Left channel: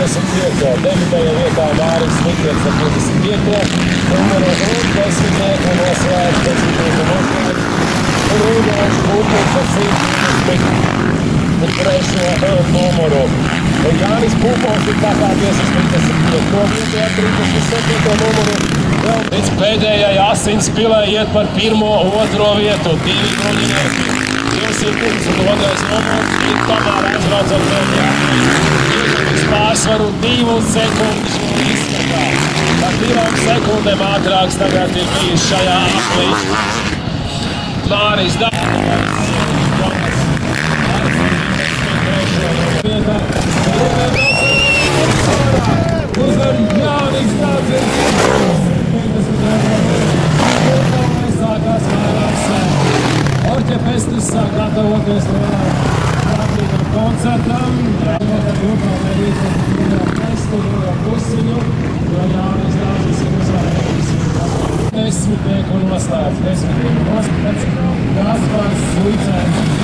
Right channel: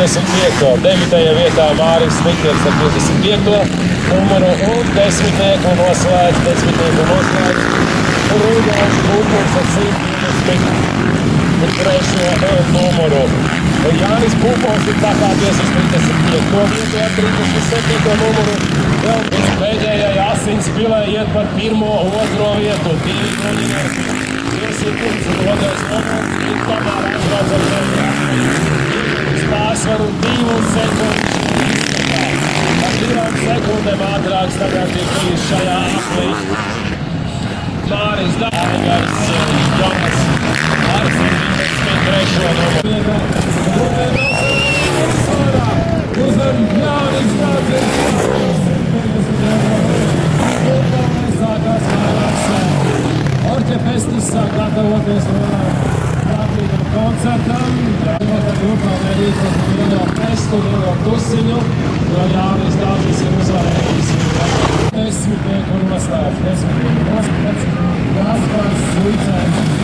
55. 9. vietā Māris Mikls ar 55. numuru un 10. noslēdz 10. noslēdz Rudolfs Pupuls ar 123. numuru. Jānis Pupuls ir pakāpies uz 35. vietu ar 37. numuru. Vēl pēc pēdējai asinspilē iet par 1. otro vietu. 2 dronieki. 200 un otrais numurs ir tomēr aizvāc ar Jānis pārsvaru 2 sekundes izskatā. Ar 2 sekundēm ātrāks tagad ir bijis šajā aplī. Māris Dārgais, Jonas Arfins, 3. numuru. Uzvar Jānis Dārgais. Sākās vairāks. Orķepestis sāk gatavoties prātīgam koncertam. Grupā mērīt ar testu, pusiņu, jo Jānis Dārgais ir uzvarējis. 10. un noslēdz 10. noslēdz Gaspars Suicēns.